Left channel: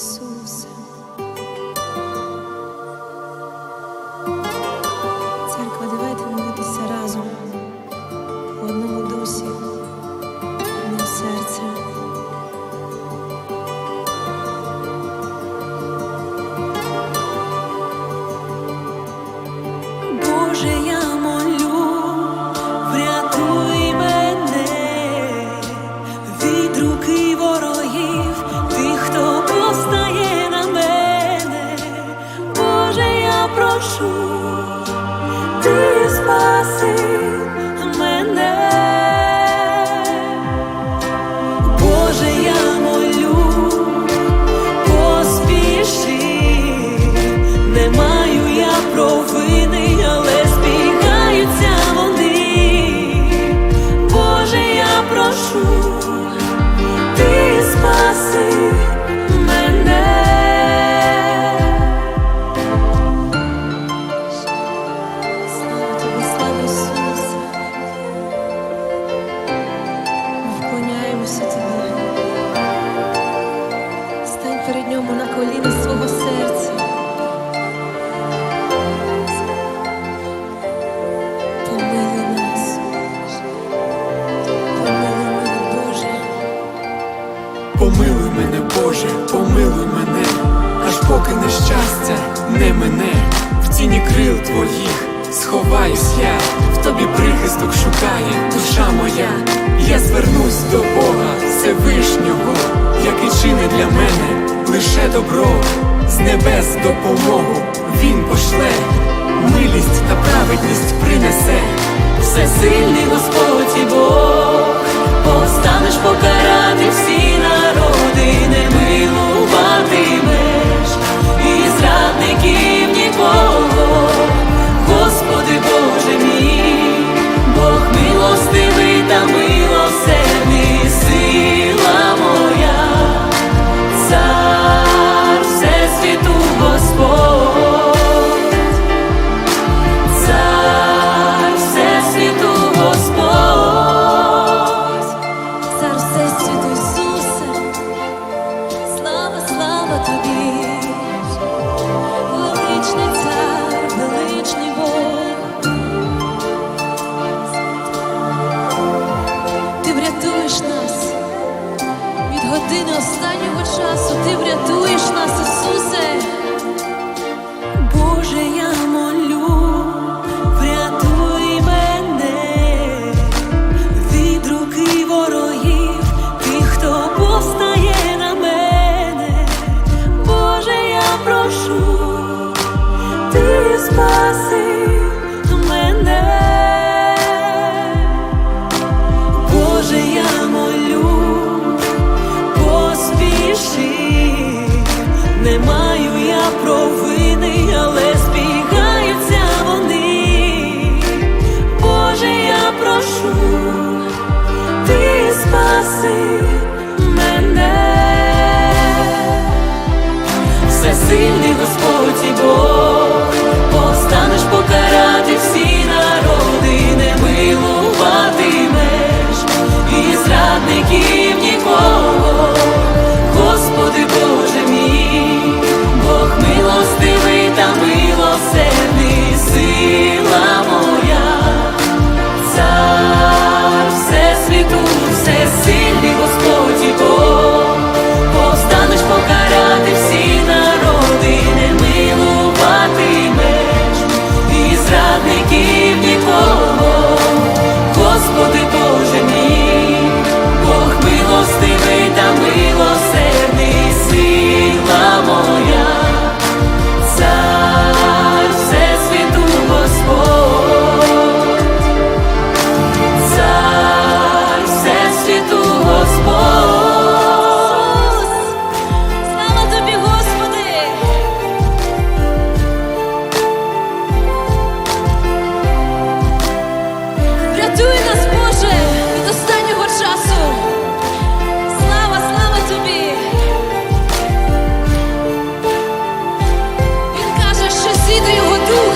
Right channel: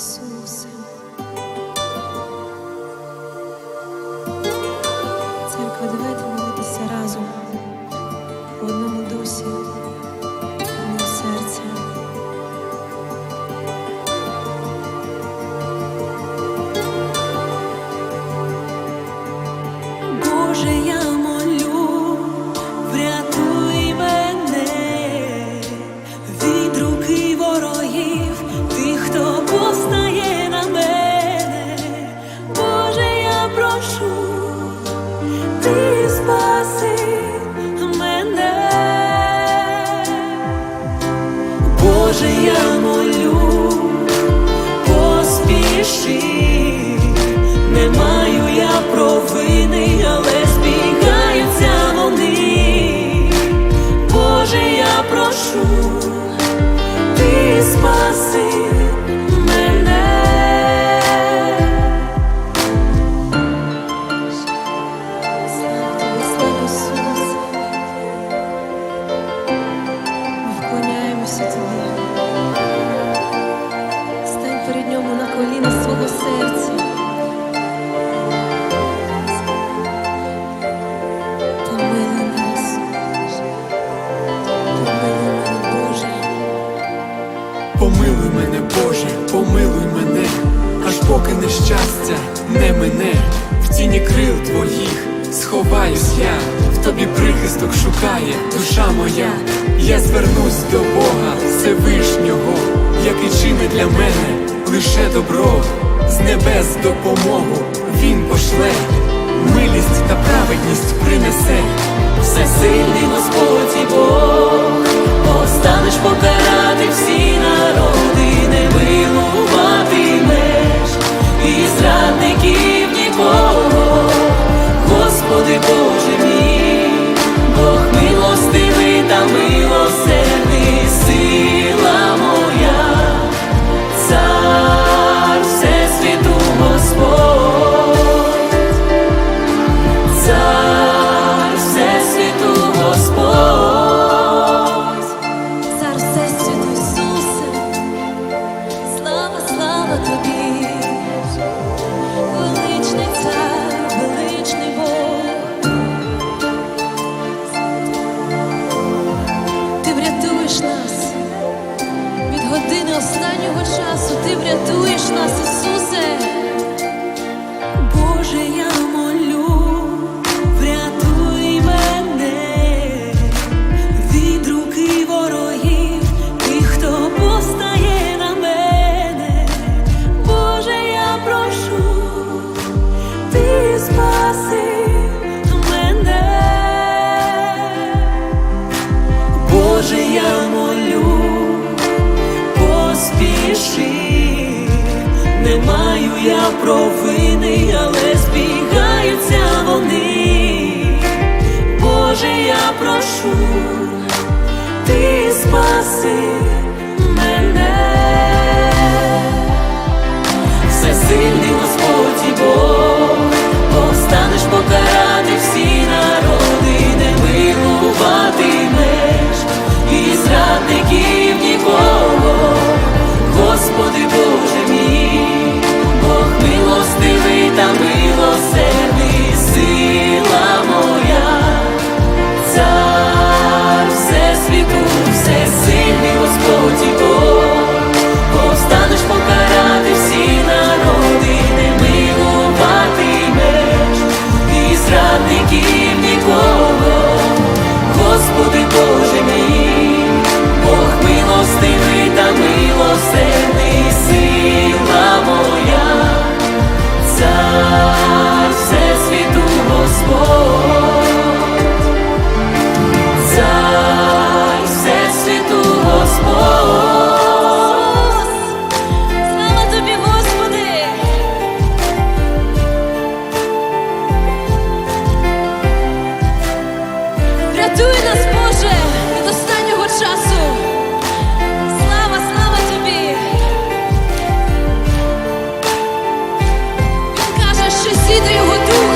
Ісусе. Церква, давайте молитися разом в одному дусі, одним серцем. Боже, я хто повстає на мене. Боже, я прошу, ти спаси мене. Боже, я молю, поспіши, не маю я провини, але збігаються вони. Боже, я прошу, ти спаси тобі. Стань перед ньому на колінах свого серця. Помилуй нас. Помилуй мене, Боже. Помилуй мене, Боже, помилуй мене, аж поки нещастя не мене, в тіні крил твоїх сховаюсь я, в тобі прихисток шукає душа моя. Я звернусь до Бога Всевишнього, який чине для мене лише добро, з небес допомогу Він пошле, милість та праведність принесе. Всесильний Господь і Бог, постанеш покарати всі народи, не Боже мій, Бог милостивий врятуєш нас від години останнього часу, ти врятуєш нас, Ісусе. Боже, я не маю я провини, але збігаються вони. Боже, я прошу, ти спаси мене. всесильний Господь і Бог, постанеш покарати всі народи, не милуватимеш і зрадників нікого, Господи Боже мій, Всесвіту, всесильний Господь і Бог, повстанеш покарати всі народи, не милуватимеш і зрадників нікого, Господи Боже мій, Бог милостивий та милосердний, часу. Слава, слава тобі! Він каже, що зійде його дух,